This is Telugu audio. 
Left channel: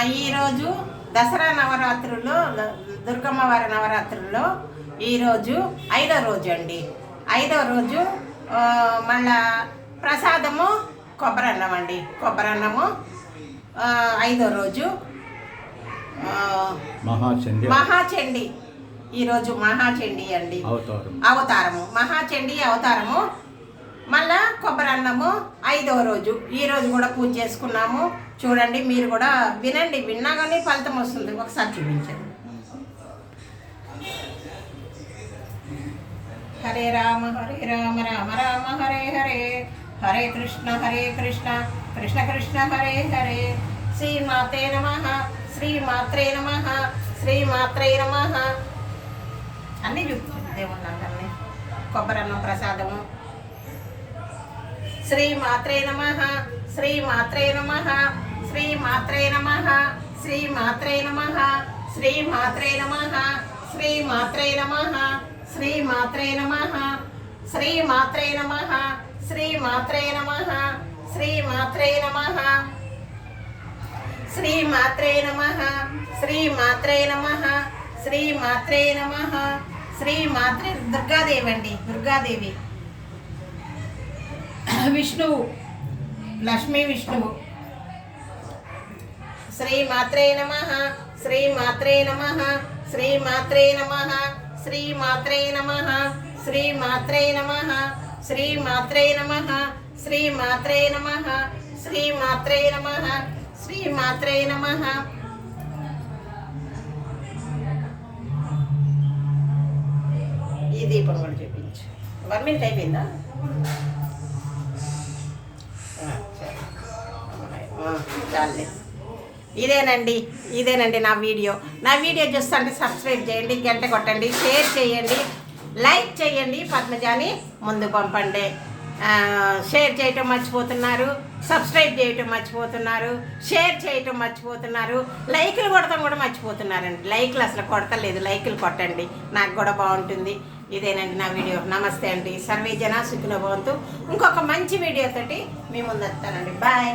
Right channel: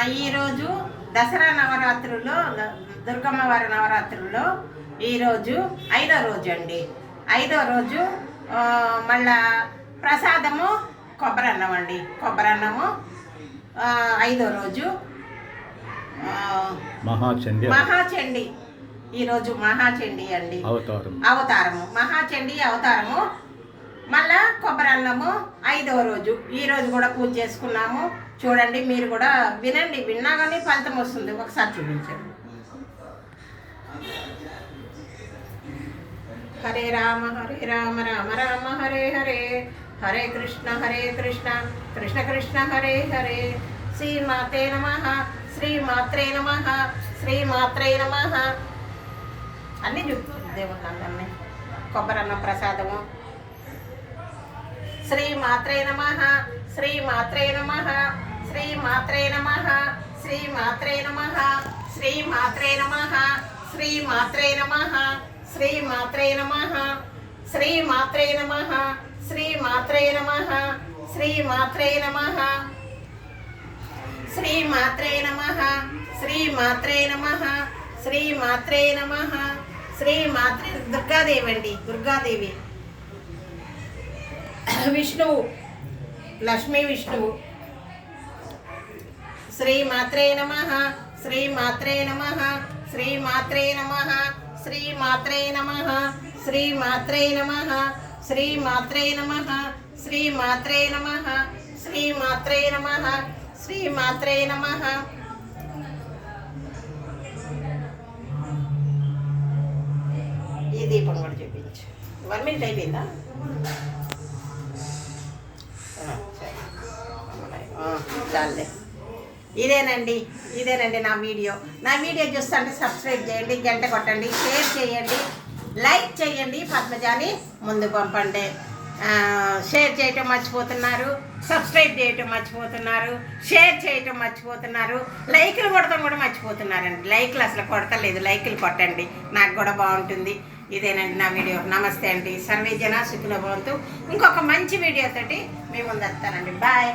ఈరోజు దసరా నవరాత్రుల్లో దుర్గమ్మ వారి నవరాత్రుల్లో ఈరోజు 5వ రోజు అండి. 5వ రోజు మళ్ళా ప్రసాదము కొబ్బరన్నం అండి. కొబ్బరన్నము 5వ రోజు మహాచండి. ఈరోజు మహాచండి అండి అవతారము, మహాచండి అవతారము. మళ్ళా కొబ్బరన్నము 5వ రోజు. ఈరోజు కూడా పూజ చేసుకున్నాము. చూడండి, మీరు కూడా వినండి, విన్నా కానీ ఫలితం వస్తుంది. ఒకసారి చూపించండి. హరే రామ రామ రామ హరే హరే, హరే కృష్ణ కృష్ణ కృష్ణ హరే హరే. శ్రీమాత్రే నమః, శ్రీమాత్రే నమః, శ్రీమాత్రే నమః. అన్నీ చూపుతుంది దేవుళ్ళందరినీ. కొబ్బరన్నం ప్రసాదము. శ్రీమాత్రే నమః, శ్రీమాత్రే నమః, శ్రీమాత్రే నమః, శ్రీమాత్రే నమః, శ్రీమాత్రే నమః, శ్రీమాత్రే నమః, శ్రీమాత్రే నమః, శ్రీమాత్రే నమః, శ్రీమాత్రే నమః, శ్రీమాత్రే నమః, శ్రీమాత్రే నమః, శ్రీమాత్రే నమః, శ్రీమాత్రే నమః. శ్రీమాత్రే దుర్గాదేవి అండి, దుర్గాదేవి. విష్ణువు, లక్ష్మీ విష్ణువు. శ్రీమాత్రే నమః, శ్రీమాత్రే నమః, శ్రీమాత్రే నమః, శ్రీమాత్రే నమః, శ్రీమాత్రే నమః, శ్రీమాత్రే నమః, శ్రీమాత్రే నమః, శ్రీమాత్రే నమః, శ్రీమాత్రే నమః. ఈ దీపం కూడా చూపించు. 1 minute అయిపోయిందా? చాలే. ఇదేనండి నా వీడియో చూస్తుంటే సబ్స్క్రైబ్ చేయండి, గంట కొట్టండి, షేర్ చేయండి, లైక్ చేయండి, పద్మజాని ముందు పంపండి. షేర్ చేయటం మర్చిపోతున్నారు, సబ్స్క్రైబ్ చేయటం మర్చిపోతున్నారు, షేర్ చేయటం మర్చిపోతున్నారు, లైకులు కొడతాం కూడా మర్చిపోతున్నారండి. లైకులు అసలు కొడతలేదు, లైకులు కొట్టండి, నాకు కూడా బాగుంటుంది. ఇదేనండి నా వీడియో. నమస్తే అండి. సర్వే జన సుఖినో భవంతు. ఇంకొక మంచి వీడియోతోటి మీ ముందు వస్తానండి. బాయ్.